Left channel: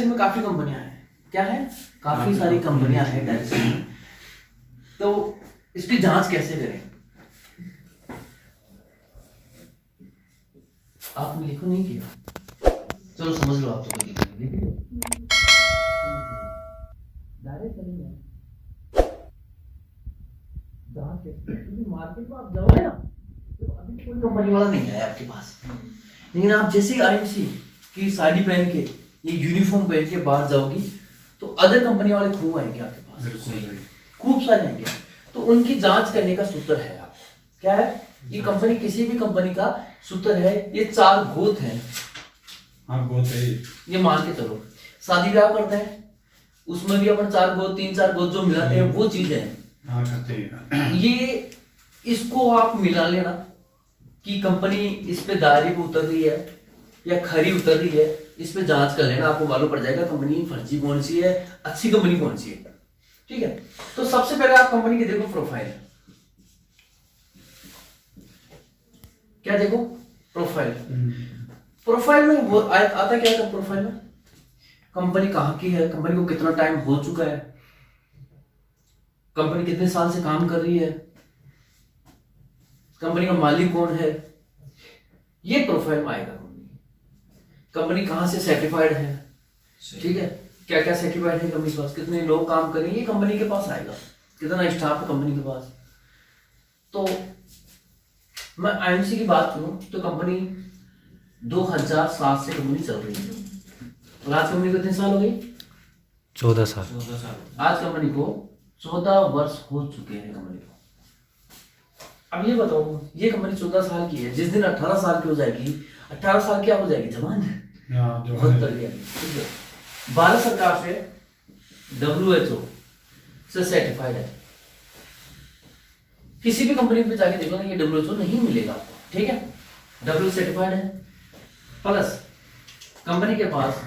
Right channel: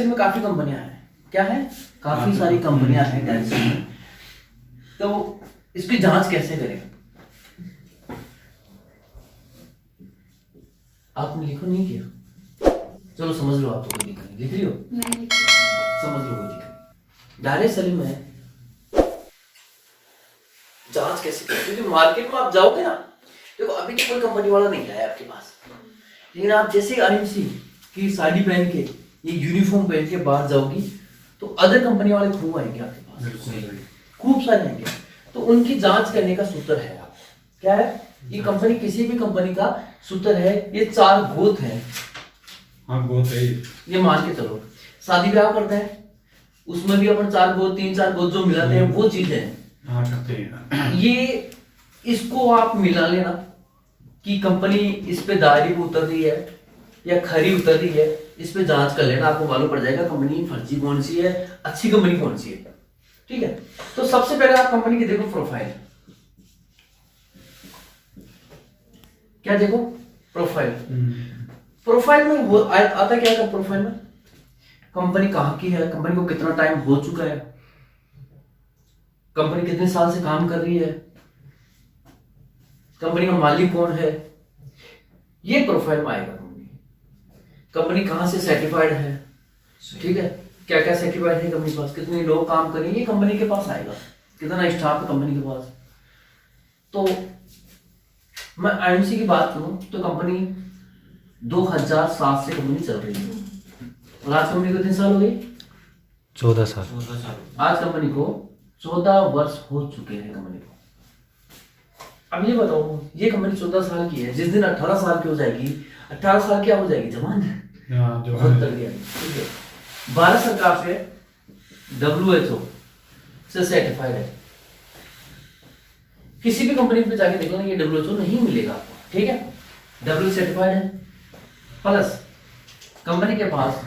Cell में काफी कंपनियां हैं। क्या है? काफी सारी कंपनियां हैं डायरेक्ट सेल में। तो इसकी जांच कैसे करें? आपने लिखो नहीं किया, चलो समझ लो। आप तो लिख रही हो, समझ लो। डायरेक्ट सेलिंग में जांच कैसे करें? क्योंकि मार्केट में आप जाओगे ना, देखो अभी तो कोई कंपनी वाला नहीं आया आपके पास, लेकिन आप जैसे ही आईएमसी की साड़ी पहन के, ये यूनिफॉर्म पहन के बाहर जाओगी तो अदर कंपनी वाले खूब आएंगे आपके पास, खूब सारे आएंगे। तो उनकी जांच करने का सूत्र है आपको, क्या है? ये कंपनी, किसी भी कंपनी का सूत्र है, ये 4 गोत है। हाँ, गोत है ये मान के चलो, शादी ब्याह करते हैं उसमें भी अपन 4 गोत, 3-4 गोत जो मिलाते हैं वो चीज है। हाँ, करते हैं। ये इसको आप मिला लेना कि कंपनी इस पे दायरे पे उतर रही है या खरी उतर रही है, इस पे जांच कर लेना, आपको मालूम पड़ जाएगा कंपनी फर्जी कौन सी है, अच्छी कंपनी कौन सी है। ठीक है, तो सबसे पहले आप कंपनी की देखो प्रोफाइल। क्या देखो? प्रोफाइल। प्रोफाइल में वो आता क्या है? प्रोफाइल में कंपनी कहाँ की है, कंपनी को कितना टाइम हो चुका है, कंपनी कितने साल से काम कर रही है, कंपनी का मालिक कौन है, ये प्रोफाइल में आएगा। कंपनी कहां से सर्टिफाइड है, ठीक है, क्या क्या सर्टिफाइड है कंपनी के पास, कितने लोग काम करेंगे, ये कंपनी के पास आएगा, कितना स्टाफ है कंपनी के पास। तो मैं आईएमसी की बात करूं तो कंपनी 2007 से कंपनी चल रही है, और आज कंपनी को कितने साल हो गए? 14 साल। आज कंपनी को 14 वर्ष हो चुके हैं कंपनी को। अब ये बताओ, ये कंपनी 14 साल की है, जिस दिन 18 साल की हो जाएगी, 18 साल क्या हो जाएगी? जवान है, बहुत कर दिया। ठीक है, भारत सरकार से WHO से सर्टिफाइड है। किसी भी कंपनी पे जाके देखो ना, ये WHO नहीं मिलेगा आपको। ठीक है, WHO सर्टिफाइड है, प्लस कंपनी के पास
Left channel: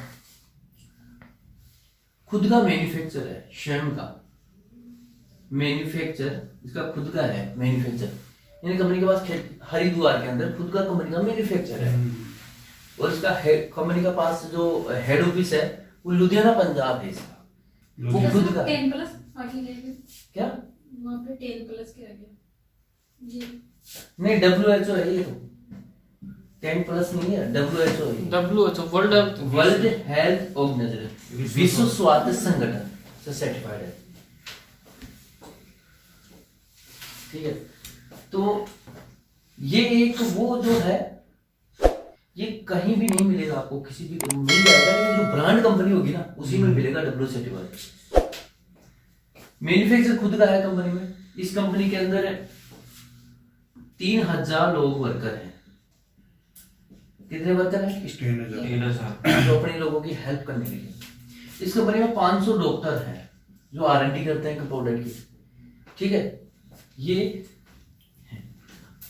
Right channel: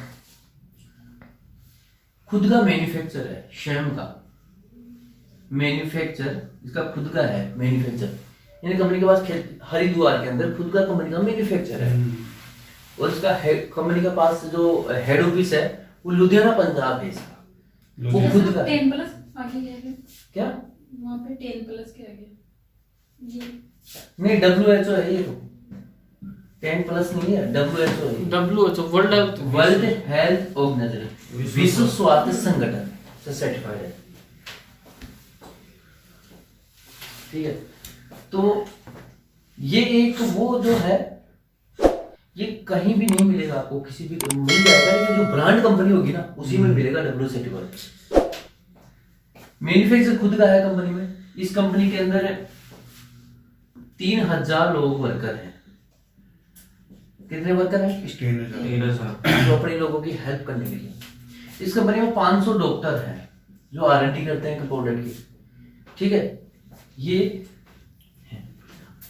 खुद का मैन्युफैक्चर है, स्वयं का मैन्युफैक्चर, इसका खुद का है मैन्युफैक्चर, यानी कंपनी के पास हरिद्वार के अंदर खुद का कंपनी का मैन्युफैक्चर है। और इसका कंपनी के पास जो हेड ऑफिस है वो लुधियाना पंजाब है इसका, वो खुद का। 10+ आगे क्या वहाँ पे 10+ के आगे ये नहीं, WHO है ये, तो 10+ नहीं है, WHO है। WHO वर्ल्ड हेल्थ ऑर्गेनाइजेशन, विश्व स्वास्थ्य संगठन से सर्टिफाइड है। ठीक है, तो ये एक वो जो है, ये कहीं भी नहीं मिलेगा आपको, किसी भी मिल जाएगा, लेकिन जो ब्रांड कंपनी होगी ना उसी में मिलेगा WHO सर्टिफाइड। मैन्युफैक्चर खुद का है कंपनी में। इस कंपनी के अंदर 3000 लोग वर्कर हैं। कितने वर्कर हैं? 3000। जो अपने लोगों की हेल्प करने के लिए। इस कंपनी में 500 डॉक्टर हैं जो R&D करते हैं प्रोडक्ट की। ठीक है, ये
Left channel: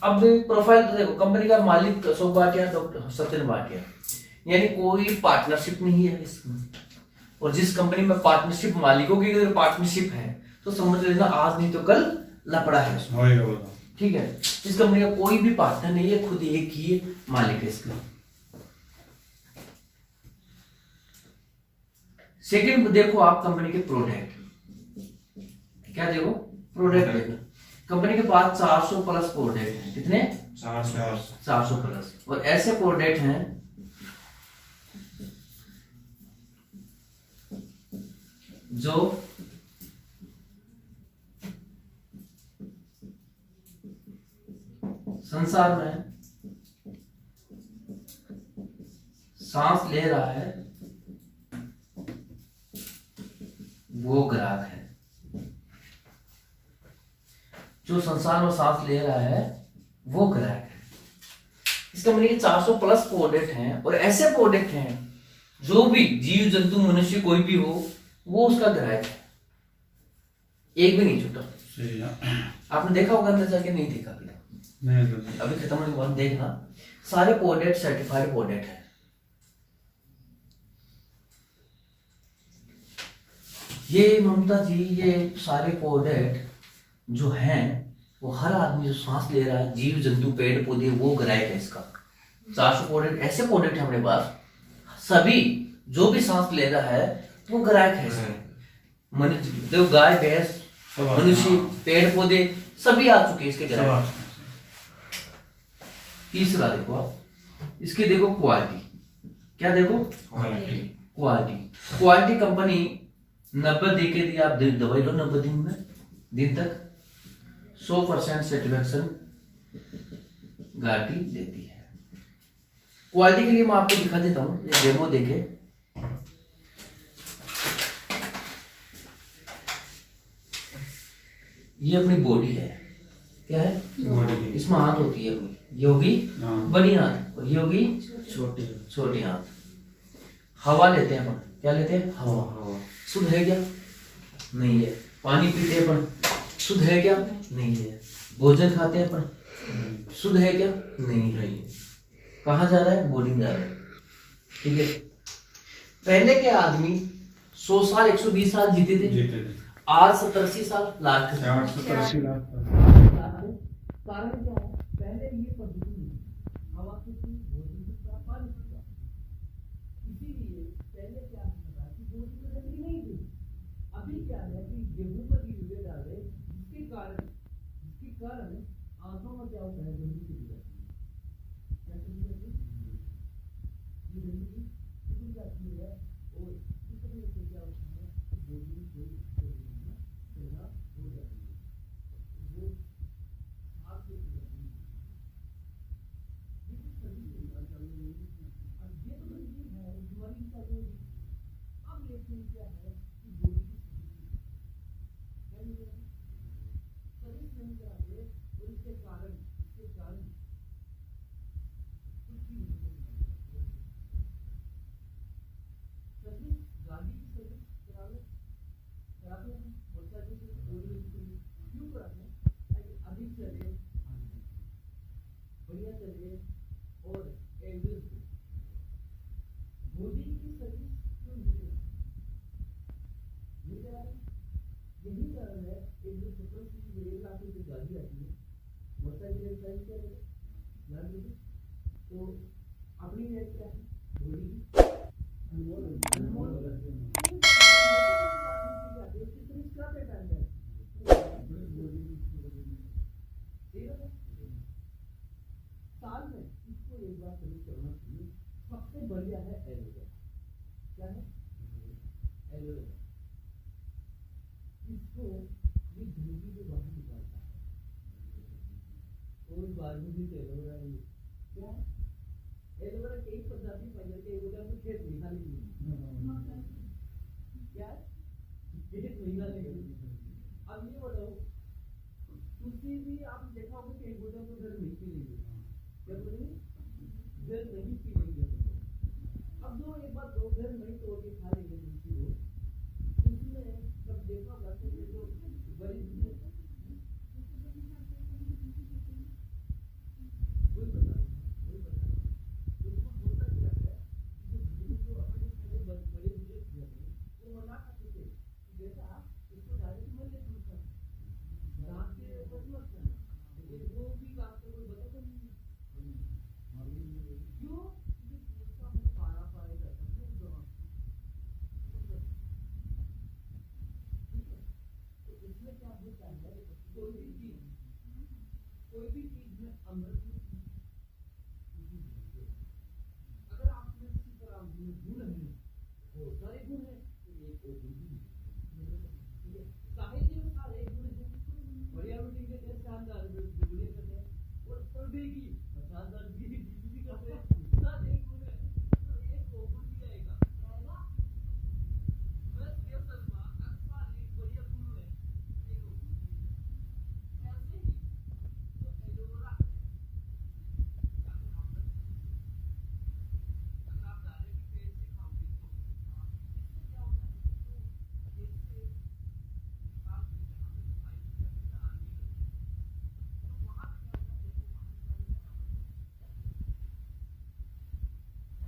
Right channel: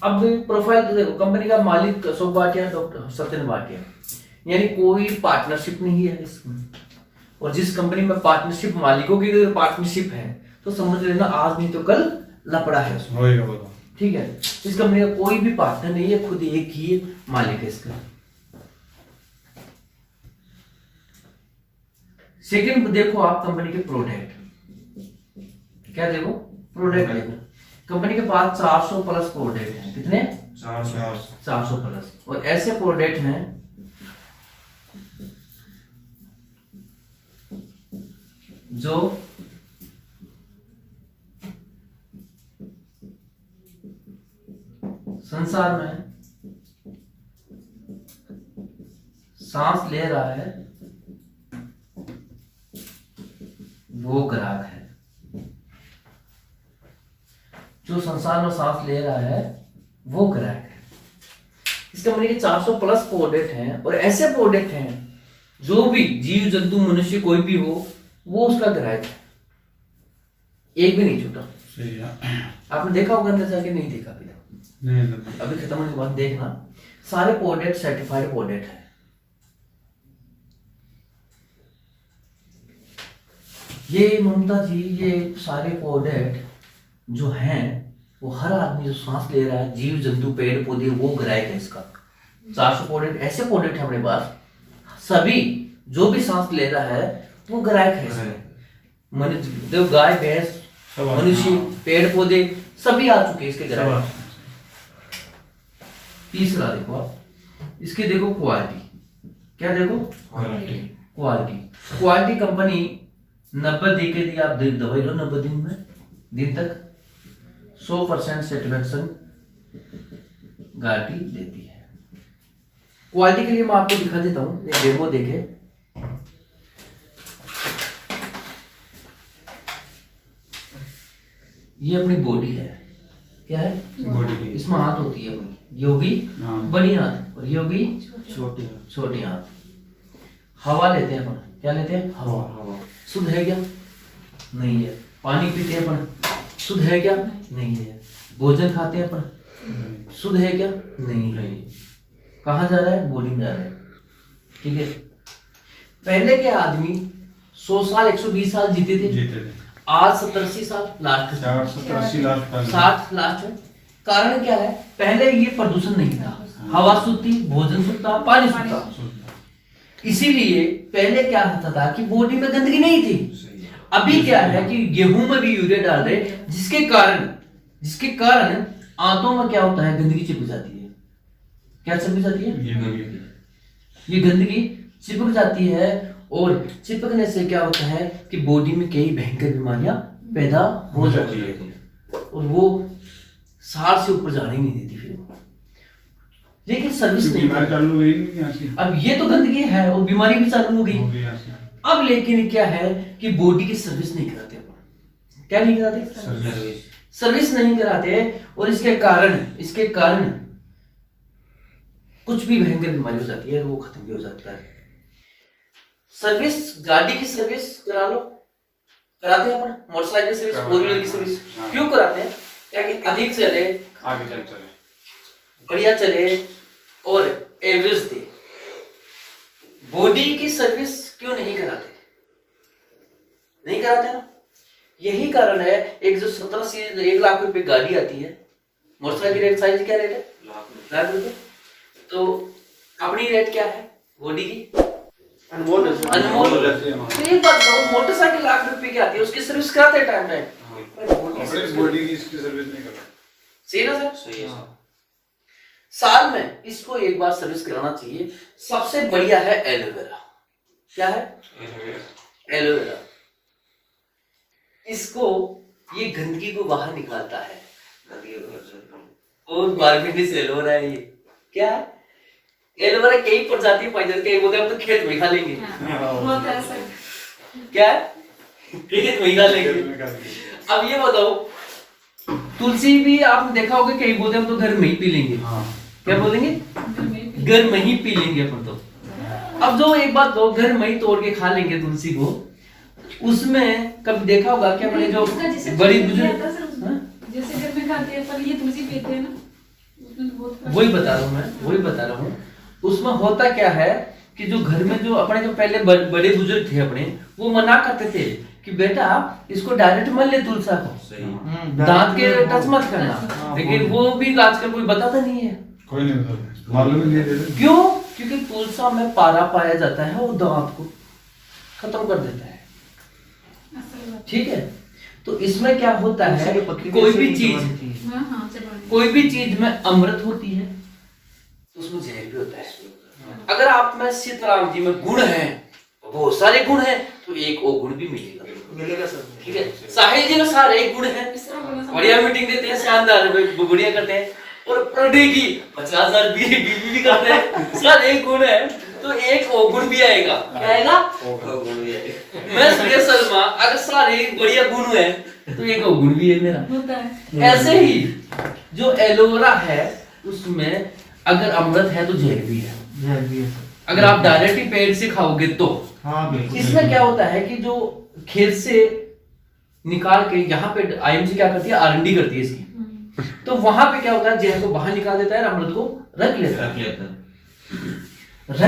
अब प्रोफाइल तो देखो, कंपनी का मालिक अशोक भाटिया, डॉक्टर सत्येंद्र भाटिया, यानी कोई पार्टनरशिप नहीं है इसमें। और जिस कंपनी में पार्टनरशिप, मालिकों की अगर पार्टनरशिप है तो समझ लेना आज नहीं तो कल लपड़ा है उसमें। ठीक है, इस कंपनी का कोई भी पार्टनर नहीं है, खुद एक ही मालिक है इसका। सेकंड देखो आप कंपनी के प्रोडक्ट, क्या देखो? प्रोडक्ट देखो, कंपनी के पास 400+ प्रोडक्ट हैं। कितने? 400+। और ऐसे प्रोडक्ट हैं जो संसार में सांस ले रहा है वो ग्राहक है, जो संसार में सांस ले रहा है वो ग्राहक है। इस कंपनी के 400+ प्रोडक्ट हैं, और ऐसे प्रोडक्ट हैं जो भी जीव जंतु मनुष्य कोई भी हो वो उसका ग्राहक है, एक भी नहीं छूटा। सही है। आपने देखा होगा अंदर जाके? नहीं देखा अभी तक। नहीं, अभी खत्म होने के बाद देखना, सारे प्रोडक्ट सर्टिफाइड प्रोडक्ट है। ये ममता जी, ये सारे प्रोडक्ट जो हैं वो हर आदमी जो सांस ले रहा है, जीव जंतु पेड़ पौधे, वो ग्राहक है इसका। 400 प्रोडक्ट ऐसे प्रोडक्ट है अपने पास, सभी जो भी सांस ले रहा है वो ग्राहक है इसमें। मनुष्य देखो, गाय भैंस, सब आ- मनुष्य, हाँ। पेड़ पौधे सभी आ चुके हैं इसके सब ग्राहक। आ- तीसरा देखो आप, इसके देखो क्वालिटी, क्या देखो क्वालिटी। क्वालिटी कंपनी 90 दे के दी, आप दवाई लो 90 दिन तक 100% सेटिस्फेक्शन गारंटी देती है। क्वालिटी के लिए मैं आपको दिखा देता हूँ, एक डेमो देखे। ये अपनी बॉडी है, क्या है, बॉडी की। इसमें हाथ होती है अपनी, ये होगी हाँ। बड़ी हाथ और ये होगी छोटी। छोटी हाथ। हवा लेते हैं अपन, क्या लेते हैं, हवा। शुद्ध है क्या, नहीं है। पानी पीते हैं अपन, शुद्ध है क्या, नहीं है। भोजन खाते हैं अपन, शुद्ध है क्या, नहीं है। कहाँ जा रहा है, बॉडी में जा रहा है, ठीक है। पहले के आदमी 100 साल 120 साल जीते थे, जीते थे। आज 70-80 साल लास्ट, 480 लाख का। 60 लास्ट है। कारण क्या है, पहले ये प्रदूषण नहीं था, हवा शुद्ध थी, भोजन शुद्ध था, पानी शुद्ध था। इसीलिए पहले क्या होता था कि बॉडी में गंदगी नहीं थी। अभी क्या है कि गेहूं में भी यूरिया डाल रहे, जिसके कारण आंतों में क्या होता है, गंदगी चिपक जाती है। क्या चिपक जाती है, ये गंदगी चिपक जाती है, और चिपकने से क्या होता है कि बॉडी में कई भयंकर बीमारियां पैदा हो जाती है, और वो 60 से ऊपर जाने ही नहीं देती फिर। लेकिन सर्विस नहीं, बीमारी चालू हुई नहीं यहाँ से। अब ये तो गंदगी है और बीमारी भी चालू हो गई। हो गई यहाँ से। अब लेकिन क्या है कि बॉडी की सर्विस नहीं कराते अपन, क्या नहीं कराते, सर्विस नहीं कराते, और इसके कारण कुछ भी भयंकर बीमारी हो जाती है, वो खत्म भी हो जाता है। सर्विस, गाड़ी की सर्विस करा लो, कराते हैं अपन, मोटरसाइकिल की सर्विस, फोर व्हीलर की सर्विस हाँ। क्यों कराते हैं, ताकि अधिक चले, आगे चले। बढ़िया चले और एवरेज दे। बॉडी की सर्विस क्यों नहीं कराते, नहीं कराते ना, यही कारण है। एक जो 17 से 1 लाख रुपए गाड़ी आती है, मोटरसाइकिल रेट साइज क्या रेट है, लाख रुपए। तो अपनी रेट क्या है बॉडी की, अनमोल। तो एक बात बताओ, मोटरसाइकिल लाख रुपए की आती है, उसकी सर्विस कराते हैं टाइम टाइम, बॉडी की इसकी सर्विस नहीं करता। सही ना सर, सही है। साल में इसको एक बार सर्विस कराना चाहिए। सबसे बढ़िया है एलोवेरा, क्या है, एलोवेरा। इसको, ये गंदगी को बाहर निकालता है, और बारबेनिस एलोवेरा है ये, क्या है, एलोवेरा कई प्रजाति पाई जाती है, बोलते हैं हम तो खेत में खा लेंगे, बहुत ऐसा क्या है, खेत में खा लेंगे। अब ये बताओ, तुलसी भी आपने देखा होगा, कई बोलते हैं हम तो घर में ही पी लेंगे, क्या बोलेंगे, घर में ही पी लेंगे अपन तो। अब जो एक बात दो, घर में ही तोड़ के खा लेंगे तुलसी को, उसमें कभी देखा होगा कि अपने जो बड़ी बुजुर्ग, जैसे घर में खाते हैं पर ये तुलसी पीते हैं ना, उसमें तो बहुत वही बता रहा हूँ। उसमें होता क्या है कि जो घर में जो अपने जो पहले बड़े बुजुर्ग थे अपने, वो मना करते थे कि बेटा इसको डायरेक्ट मल ले तुलसा को, दांत के टच मत करना। लेकिन वो भी आजकल कोई बताता नहीं है, कोई नहीं बताता, मालूम ही नहीं देते। क्यों, क्योंकि तुलसा में पारा पाया जाता है, वो दांत को खत्म कर देता है, ठीक है। तो इसमें क्या होता है, कोई भी चीज में अमृत होती है, तो उसमें जहर भी होता है। अगर आप में सीताराम जी में गुण है, बहुत सारे गुण हैं, तो एक और गुण भी मिलेगा सर, ठीक है। साहिल जी में सारे गुण हैं, बढ़िया मीटिंग देते हैं, शानदार बढ़िया करते हैं, और पर डे की 50,000 बीवी भी करते हैं, सर एक गुण है तो एक और गुण भी आएगा, क्या आएगा, गुण भी आएगा। मैं सुरेश शर्मा, अगर सारे बढ़िया गुण है तो एक और गुण भी है मेरा, होता है। ऐसे ही जो एलोवेरा है उसमें अगर अमृत है तो जहर भी है, अगर आप डायरेक्ट ही पेड़ से खाओगे तो। इसमें क्या होता है कि जो खेत से निकाल के यहाँ पे आईएमसी क्या करती है, आरएनडी करती है इसकी, तो वहां पे क्या होता है, जहर को बाहर निकाल देता है, अमृत को रख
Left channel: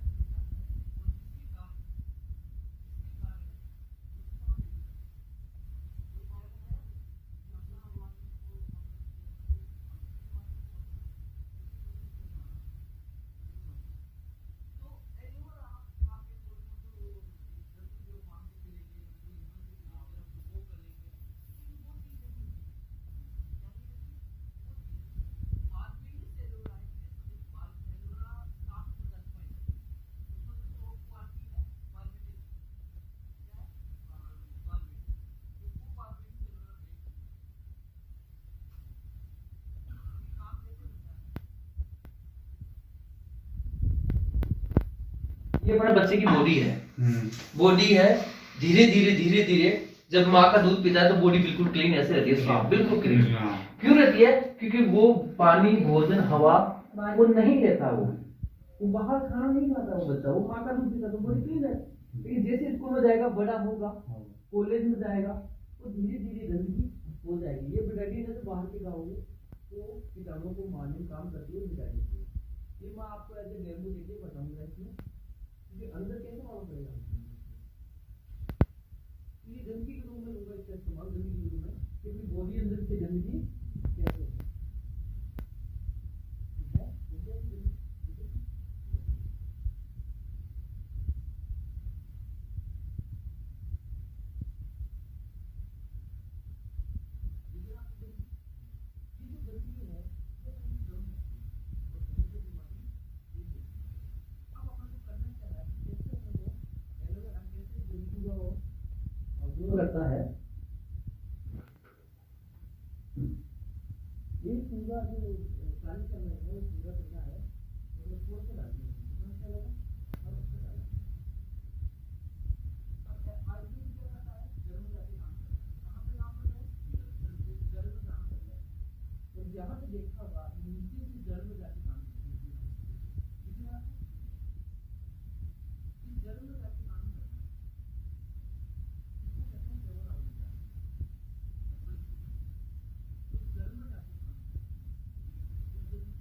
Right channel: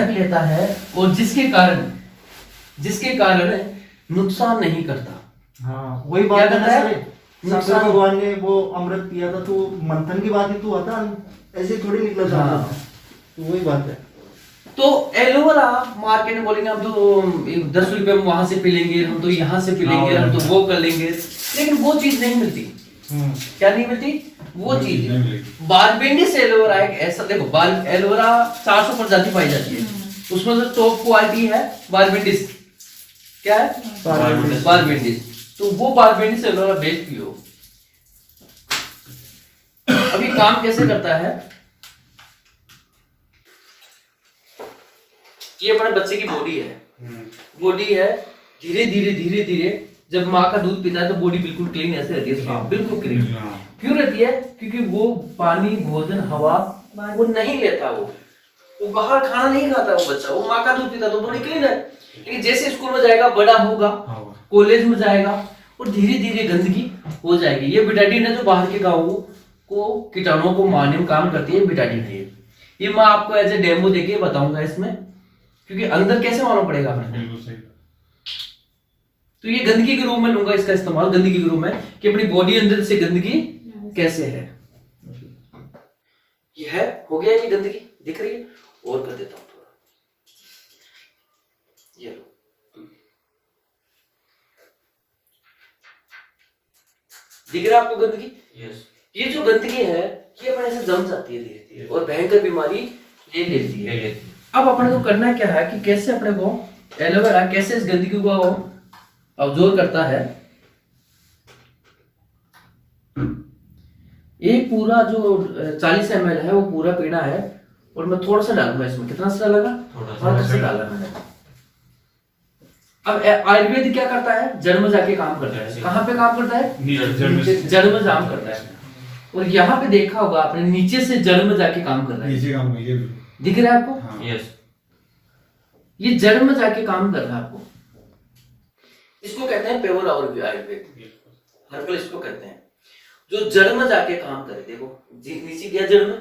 लेता है, और जिसके कारण नुकसान नहीं करता। हाँ वही बात है ना है? सर, शंकर भगवान ने वो अमृत पिया था तो मंथन की बात ही तो आता, ऐसे थोड़ी निकला था। हाँ। तो वही बात है। तो एलोवेरा मार्केट में बोलेंगे हम तो 10 रुपए में वहां से पी लेंगे, हम तो यहाँ से पी लेंगे, हम तो वो कर लेंगे, लेकिन वो चीज नहीं मिलती। क्या नहीं मिलती? वो चीज नहीं मिलेगी। बारबेंडिस एलोवेरा एक ऐसा, देखो एलोवेरा 400 प्रजाति पाई जाती है, उसमें से टॉप क्वालिटी है बारबेंडिस। क्या है? बारबेंडिस। तो वो बारबेंडिस एलोवेरा बेच पियो। अभी काम कैसे करता है? ये अपने बच्चे की बॉडी है, बॉडी है, धीरे धीरे जब माँ का दूध पीता है तो बॉडी बिल्कुल क्लीन ऐसे रहती है, साफ, बिल्कुल क्लीन। क्यों रहती है? क्योंकि वो पानी, भोजन, हवा वो नहीं लेता, वो बाहर खाना नहीं खाता वो बच्चा, वो माँ का दूध पीता तो बॉडी क्लीन है। लेकिन जैसे स्कूल में जाएगा, बड़ा होगा, कॉलेज में जाएगा, और धीरे धीरे गंदगी हो जाएगी। ये बिटाडीन है जो बाहर के गाँवों को कीटाणुओं को मारने में काम करती है, बिटाडीन है ये मैं आपको एज ए डेमो देके बताऊंगा इसमें, क्योंकि अंदर कैसे मालूम पड़ेगा हमें। तो ये गंदगी के रूप में लूंगा इसका इस्तेमाल, गंदगी के रूप में, कि अपनी बॉडी अंदर से गंदगी कैसे है। ये है, हो गया ये गंदगी, दिख रही है? और कर देता हूं थोड़ा, ये लो, दिख रहा है आपको गंदगी? ये जो गंदगी है ये अपने से जम जाती है धीरे धीरे और भयंकर बीमारी ले लेती है। अब अपने को करना क्या है कि कैसे अपने को एलोवेरा कैसे इस गंदगी को अब्जॉर्ब करता है। ये पूरा जो 40 ml है वो पूरा पीना है, और मैं थोड़ा सा डालूंगा इसमें। कितना सा डालेगा? थोड़ा सा डाला मैंने। अब आयुर्वेद क्या करता है? जड़ में जाके काम करता है। कहाँ पे काम करता है? जड़ में काम करता है। और यहाँ पे देखा होगा आपने, नीचे से जड़ में जाके काम कर रहा है। नीचे काम ये दिख रहा है आपको? हाँ। ये जड़ में जाके काम कर रहा है आपको। इसको कहते हैं पेवर आयुर्वेद, हर्बल इसको कहते हैं, जो जड़ में जाके काम करे। देखो नीचे गया जड़ में,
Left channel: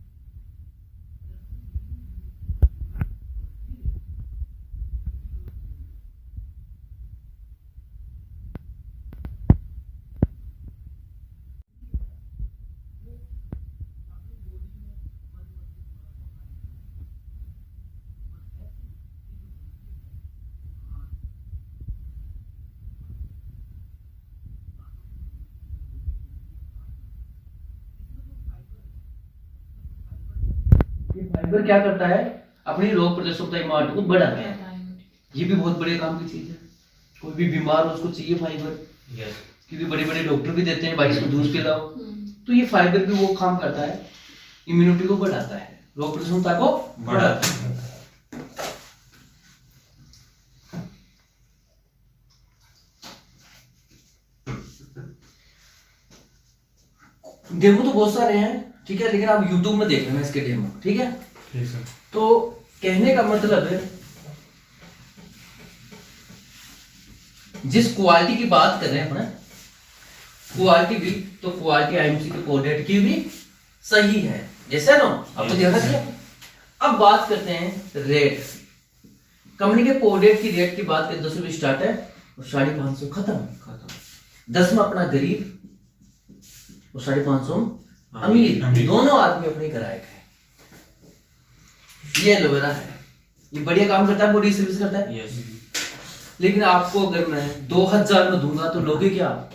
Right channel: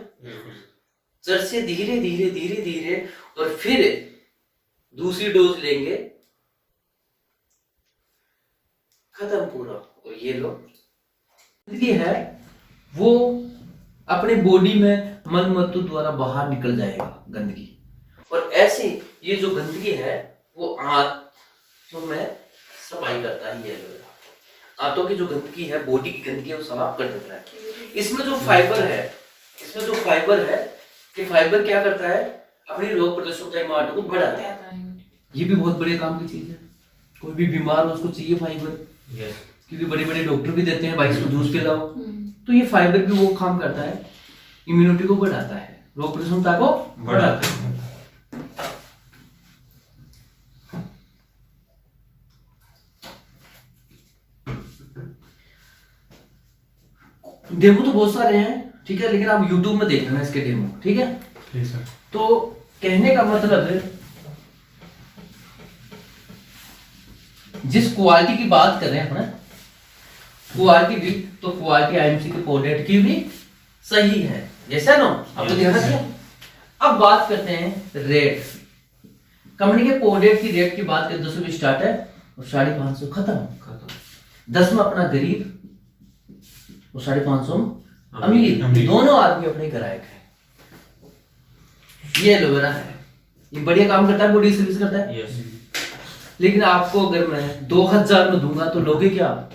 जड़ से धीरे धीरे धीरे धीरे, और फिर दूसरी डोज लेंगे, खत्म पूरा। और ये लो गंदगी है वो अपने बॉडी में मलमूत्र द्वारा बाहर निकल जाएगा गंदगी। और ऐसे ये जो गंदगी है वो आंतों में सफाई करता है। ये एलोवेरा आंतों की जो गंदगी है, बॉडी की गंदगी है, वो साफ कर देता है। इसमें जो फाइबर है, ये फाइबर क्या करता है? अपनी रोग प्रतिरोधक इम्यूनिटी को बढ़ाता है। ये भी बहुत बड़े काम की चीज है। कोई भी बीमार हो उसको चाहिए फाइबर, क्योंकि बड़े बड़े डॉक्टर भी देते हैं भाई इसको जूस पिलाओ। तो ये फाइबर भी वो काम करता है, इम्यूनिटी को बढ़ाता है, रोग प्रतिरोधकता को बढ़ाता है। डेमो तो बहुत सारे हैं, ठीक है, लेकिन आप YouTube में देख लेना इसके डेमो, ठीक है? तो कहने का मतलब है, जिस क्वालिटी की बात कर रहे हैं अपना, क्वालिटी भी, तो क्वालिटी आईएमसी के प्रोडक्ट की भी सही है, जैसा ना अब तो ध्यान रखिए। अब बात करते हैं रेट। कंपनी के प्रोडक्ट की रेट की बात करें, 200 स्टार्ट है और 550 खत्म। 10 में अपना गरीब और 550 अमीर, दोनों आदमी अपने ग्राहक है। ये एलोवेरा है, ये बढ़िया काम करता है, बॉडी सर्विस करता है। लेकिन आपको अगर मैं 2000 में दूंगा तो लोगे क्या?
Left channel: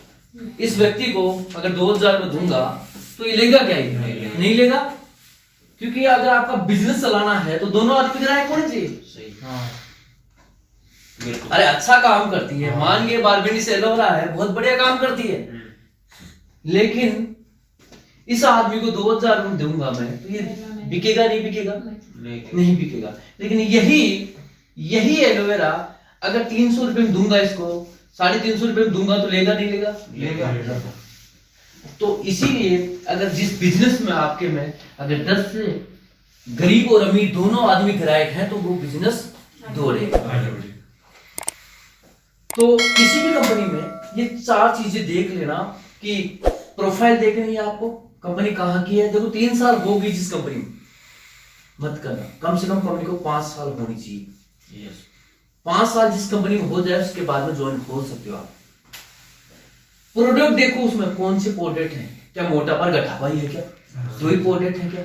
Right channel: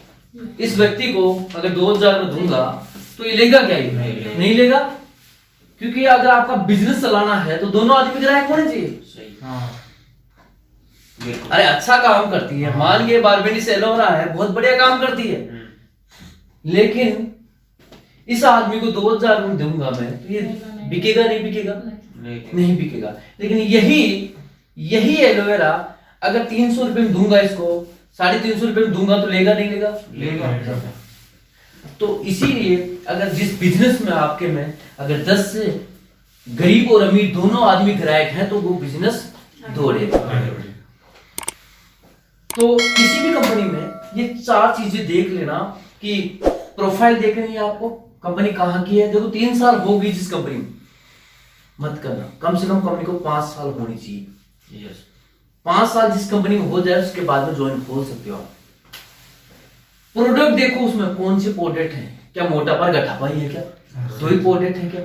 इस व्यक्ति को अगर 2000 में दूंगा तो ये लेगा क्या? ये नहीं लेगा, क्योंकि अगर आपका बिजनेस चलाना है तो दोनों आदमी ग्राहक होने चाहिए। अरे अच्छा काम करती है, मान लिए बारबेनी से एलोवेरा है, बहुत बढ़िया काम करती है, लेकिन इस आदमी को 2000 में दूंगा मैं तो ये बिकेगा नहीं बिकेगा? नहीं बिकेगा। लेकिन यही एलोवेरा अगर 300 रुपए में दूंगा, इसको 350 रुपए में दूंगा तो लेगा नहीं लेगा? लेगा। तो इसीलिए अगर जिस बिजनेस में आपके में अगर 10 से गरीब और अमीर दोनों आदमी ग्राहक हैं तो वो बिजनेस दौड़ेगा। तो किसी भी कंपनी में ये 4 चीजें देख लेना, कि प्रोफाइल देख रही है आपको, कंपनी कहाँ की है। देखो 3 साल होगी जिस कंपनी में, मत करना, कम से कम कंपनी को 5 साल होनी चाहिए। 5 साल जिस कंपनी में हो जाए उसके बाद में ज्वाइन खोल सकते हो आप। प्रोडक्ट देखो उसमें कौन से प्रोडक्ट हैं, क्या मोटापा गठापा ही है क्या? 2 ही प्रोडक्ट है क्या?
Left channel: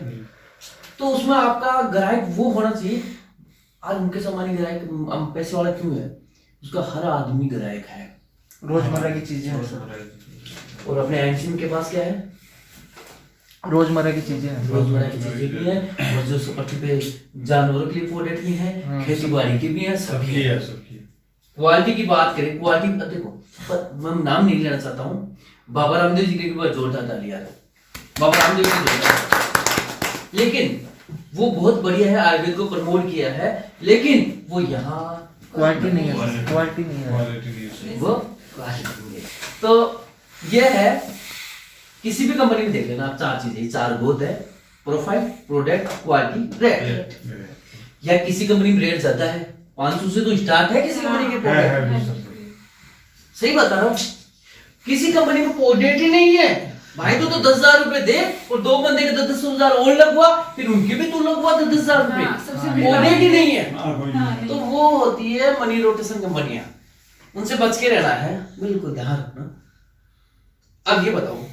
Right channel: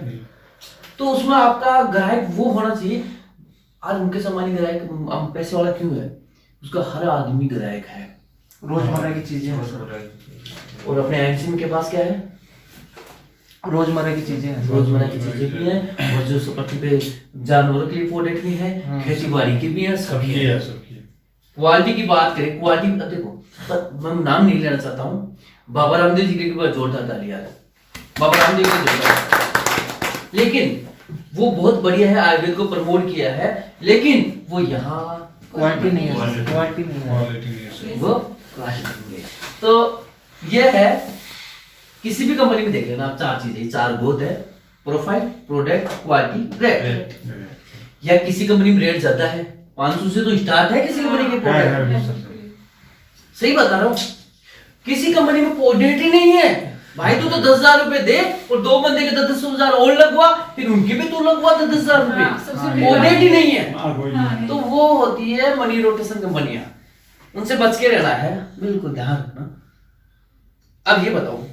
तो उसमें आपका ग्राहक वो होना चाहिए, आज मुकेश अंबानी ग्राहक पैसे वाला क्यों है? उसका हर आदमी ग्राहक है, रोजमर्रा की चीजें हैं। और अपने एमसी के पास क्या है? रोजमर्रा की चीजें हैं। रोजमर्रा की चीजें भी हैं, और जो सपाटी पे जानवरों के लिए प्रोडक्ट भी है, खेती बाड़ी की भी है, सबकी है। क्वालिटी की बात करें, क्वालिटी अब देखो, मैं नाम नहीं लेना चाहता हूँ, बाबा रामदेव जी के ऊपर जोरदार ताली यार, बाबा रामदेव का जोरदार, लेकिन वो बहुत बढ़िया है, आयुर्वेद को प्रमोट किया है, लेकिन वो यहाँ क्वालिटी नहीं है, क्वालिटी नहीं है। वो क्वालिटी है। तो ये है, किसी भी कंपनी में देख लेना आप, चार चीजें, चार गोद है, प्रोफाइल, प्रोडक्ट, क्वालिटी, रेट। या किसी कंपनी में रेट ज्यादा है, 500 से तो स्टार्ट है किसी कंपनी के प्रोडक्ट, सही बता रहा हूँ। किसी कंपनी में प्रोडक्ट ही नहीं है भाई, तो 10,000 रुपए दे और दो बंदे के 10,000 और लगवा, फिर उनके भी तो लगवा 10,000 रुपए, प्रोडक्ट ही नहीं है। तो वो होती है मनी रोटेशन कंपनियां, उनसे बच के रहना है, बिल्कुल ध्यान रखना। अब ये बताओ,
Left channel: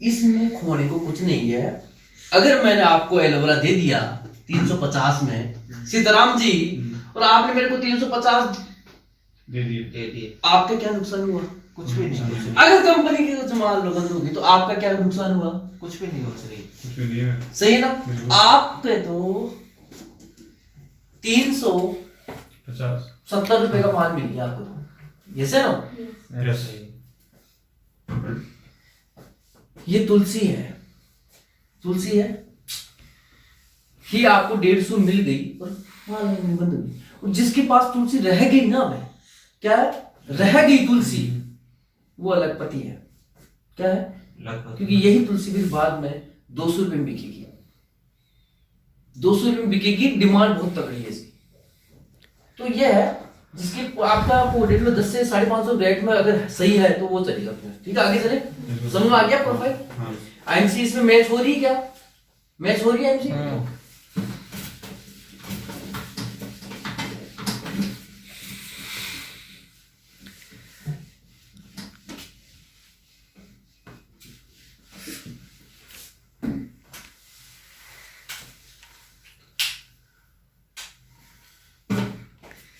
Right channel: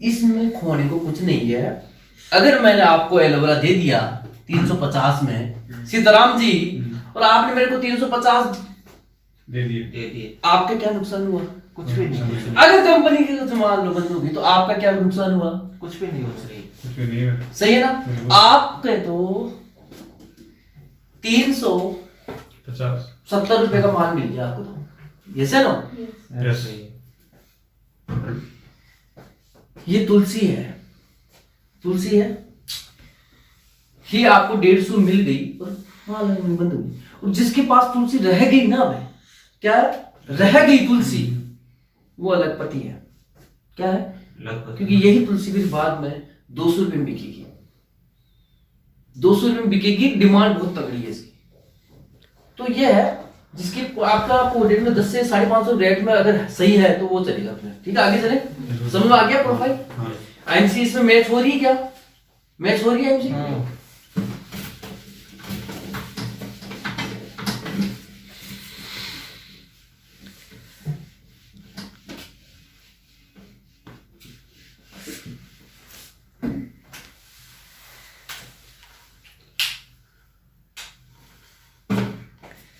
इसमें खोने को कुछ नहीं है। अगर मैंने आपको एलोवेरा दे दिया 350 में सीताराम जी, और आपने मेरे को 350 दे दिए, आपका क्या नुकसान हुआ? कुछ भी नहीं। अगर कंपनी की कुछ माल बंद होगी तो आपका क्या नुकसान हुआ? कुछ भी नहीं हो सही। कुछ भी नहीं है। सही है ना? आपके तो 370 रुपए का माल मिल गया आपको, तो यस है ना? यस। ये तुलसी है, तुलसी है, ये आपको 150 मिल गई और माल नहीं बंद हो गई, और जिसके पास तुलसी रह गई ना भाई, क्या है? रह गई तुलसी, वो अलग पति है। क्या है? क्योंकि यही तुलसी फिर बाद में 200 रुपए में बिकेगी, 200 रुपए में बिकेगी, डिमांड बहुत तगड़ी है इसकी। तो ये है, जिसकी आपका प्रोडक्ट में 10 से 550 रेट में अगर सही है तो वो चलेगा फिर। ठीक है, आगे चले, समझ में आ गया प्रोफाइल? आईएमसी इसमें मैच हो रही है क्या? मैच हो रही है आईएमसी?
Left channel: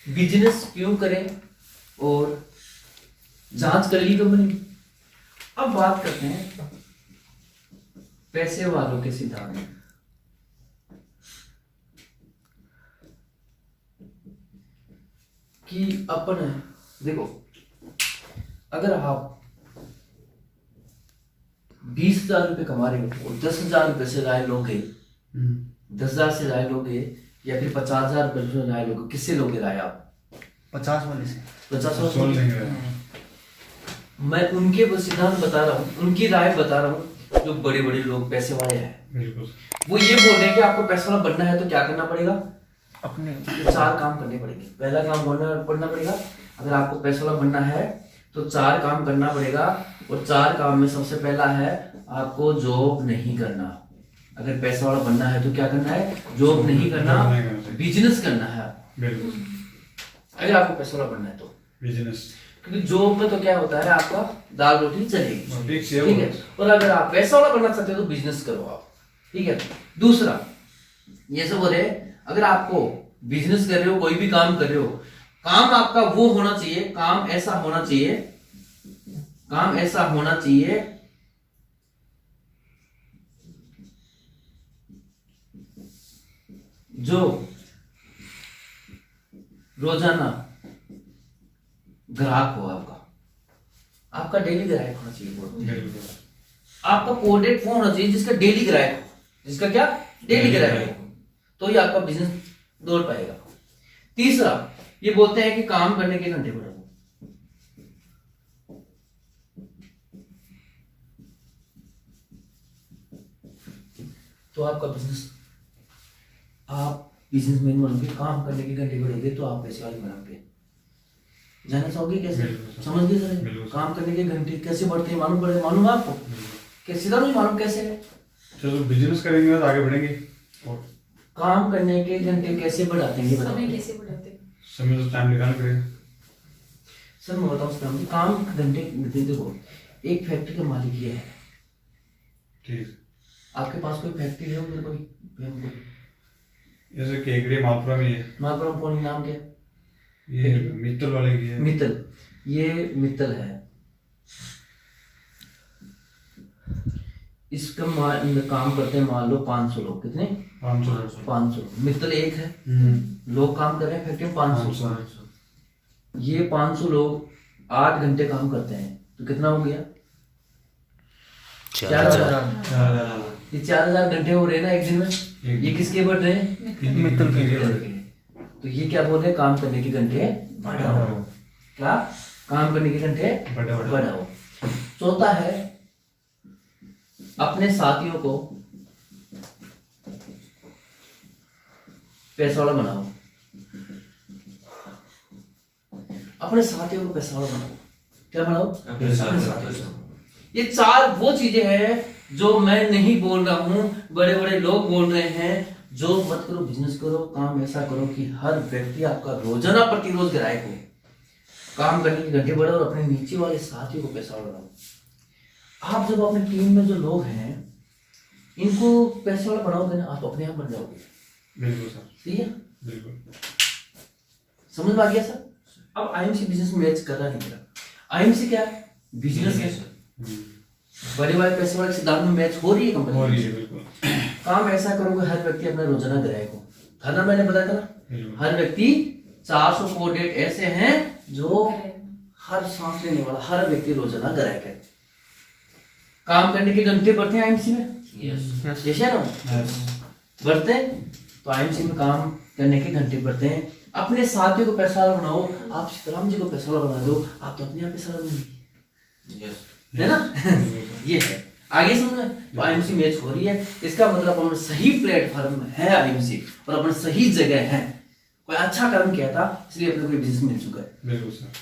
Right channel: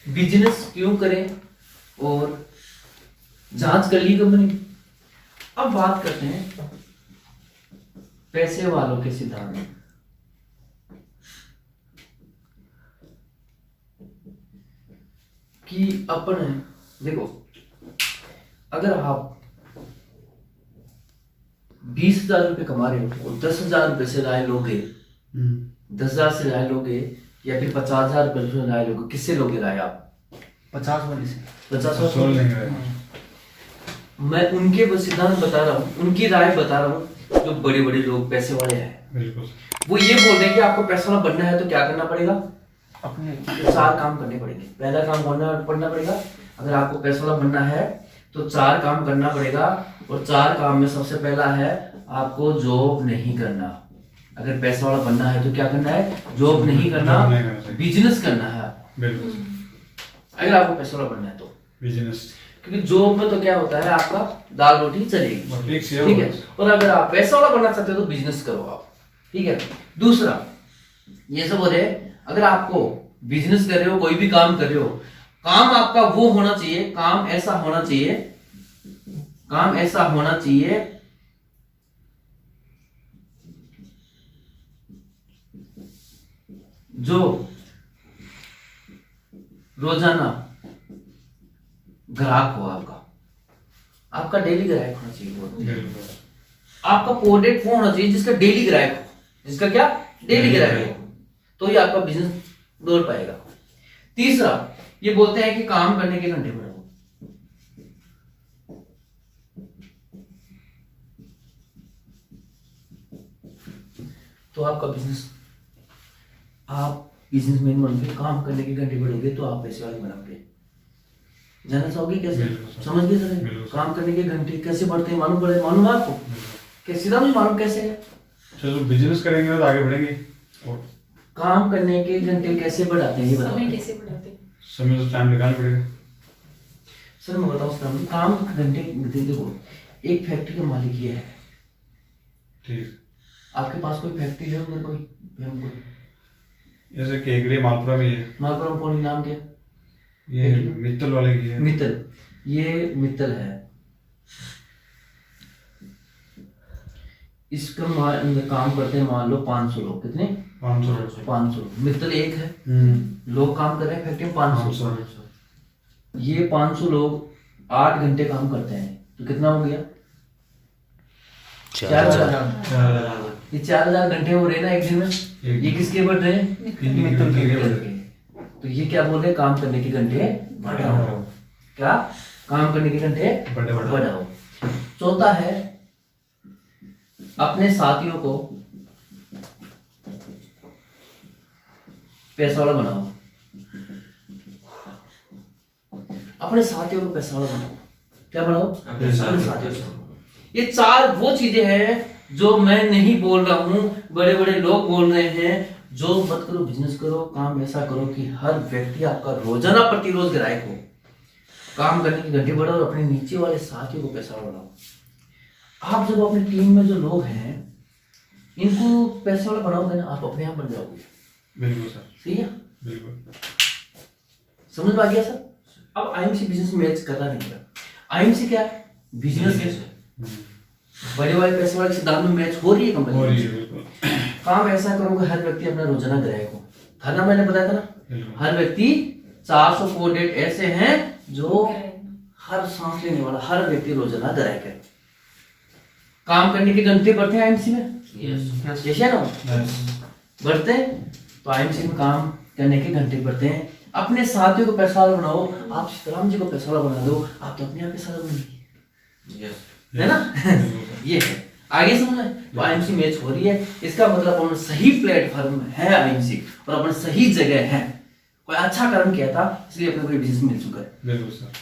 बिजनेस क्यों करें और जांच कर ली कंपनी। अब बात करते हैं पैसे वालों के सिद्धांत। कि अपन देखो, अगर आप 20,000 रुपए कमा रहे हो और 10,000 रुपए से राय लोगे, 10,000 से राय लोगे या फिर 50,000 रुपए से राय लोगे, किससे लोगे राय आप? 50 वाली से। 50 सोल लेंगे। मैं उनके सिद्धांत बता रहा हूँ, उनकी राय बता रहा हूँ, जो बड़े बड़े लोग पैसे वाले हैं। बिल्कुल। वो ये बोल रहे हैं कि आपको पैसा वाला बनना है तो क्या करना पड़ेगा? अपने 4 काम करने पड़ेंगे। पहला काम करना पड़ेगा, अगर आपको पैसा वाला बनना है तो 4 काम करना पड़ेगा, और 4 काम में सबसे पहला है आपको जॉब नहीं करना। अगर पैसा वाला बनना है तो क्या करना है? जॉब नहीं करना, बिजनेस करना है। बिल्कुल। अगर आपको पैसा वाला बनना है तो बिजनेस, क्योंकि जॉब में तो क्या होता है, आपका दाल रोटी चलेगी, फिक्स है। ठीक है। और अगर आप पैसा वाला बनना चाहते हो तो बिजनेस करो आप, ठीक है। दूसरा ये सब हो रहे, अगर आपको बिजनेस कर रहे हो, कोई भी काम कर रहे हो, काम आपका वो होना चाहिए, काम ऐसा होना चाहिए, काम ऐसा होना चाहिए जो रोजाना ग्राहक हो, आपका डेली ग्राहक होना चाहिए वो। बिल्कुल। आपका प्रोडक्ट वो होना चाहिए जिसका डेली ग्राहक हो, जिसका क्या डेली ग्राहक हो, तो ही आपका बिजनेस दौड़ पाएगा। तीसरा ये बोलते हैं कि काम करने के घंटे बढ़ाओ। तो आपका बिजनेस, आप बिजनेसमैन बनोगे, काम करने के घंटे बढ़ोगे तो आप पैसे वाले बनोगे। जानना चाहोगे कैसे? समझ गए सर? काम करने के घंटे कैसे बढ़ते हैं, मालूम है आपको? कैसे मुझे मालूम कैसे है? चलो बिजनेस करेंगे तो आगे बढ़ेंगे। और काम करने के घंटे कैसे बढ़ाते हैं ये बताओ। समय कैसे बढ़ाते हैं? समय तो टाइम निकालना पड़ेगा। सर मैं बताऊं सर, काम घंटे देखो, एक फैक्ट्री का मालिक ये है, ठीक। आपके पास कोई फैक्ट्री है? उधर कोई जैसे केकड़ी मालपुरा में है, मालपुरम कौन नाम क्या है? ये मित्तल वाले की है। मित्तल, ये मित्तल है। इसका काम करते हैं मान लो 500 लोग। कितने? 500। मित्तल एक है, लोग काम कर रहे हैं फैक्ट्री में 500। ये 500 लोग 8 घंटे काम करते हैं तो कितना हो गया? 4000। ये 4000 घंटे हो रहे हैं ना एक दिन में। ये किसके बढ़ रहे हैं? मित्तल के। तो ये क्या बोल रहे हैं? काम करने के घंटे बढ़ाओ। क्या? काम करने के घंटे बढ़ाओ। चौथा है अपने साथियों को पैसा वाला बनाओ। अपने साथियों को पैसा वाला बनाओ। क्या बनाओ? अपने साथियों को। ये 4 वो चीजें हैं जो मैं नहीं बोल रहा हूं, बड़े बड़े लोग बोल रहे हैं। जो मत करो, बिजनेस करो, काम ऐसा करो कि हर व्यक्ति आपका रोजाना प्रतिरोज ग्राहक हो। काम करने की घंटे बढ़ाओ और अपने नीचे वाले साथियों को पैसा वाला बनाओ। आप जब अपनी टीम में जो लोग हैं इनको पैसे वाला बनाओगे ना, आप अपने आप बन जाओगे। बिल्कुल सर, ठीक है? बिल्कुल समझ में आ गया सर? अब आईएमसी बिजनेस मैच कर रहा नहीं रहा। आईएमसी क्या है? बिजनेस है। बड़े वाले पैसे वाले सिद्धांत में मैच हो रही है कंपनी। हो रही है, बिल्कुल। काम ऐसा करोगे हर व्यक्ति अपना रोजाना ग्राहक हो। था ना, मैंने बताया था ना, बिल्कुल। हर व्यक्ति 400 कोडेड ऐसे हैं जो हर सांस लेने वाला हर व्यक्ति रोजाना ग्राहक है। काम करने के घंटे बढ़ते हैं आईएमसी में। यस है ना? बढ़ते हैं तो आईएमसी में काम करने के घंटे बढ़ते हैं। अपने साथियों को पैसा वाला बनाओ। आप सीताराम जी को पैसा वाला बना दो, आप तो अपने आप पैसा वाला बनेंगे। है ना? ये है। आगे समझ में? तो आईएमसी मैच हो रही है। इसका मतलब अपना सही प्लेटफॉर्म है आईएमसी और अपना सही जगह है। कोई अच्छा कर्म किया था इसलिए अपने को बिजनेस मिल चुका है। बिल्कुल सर।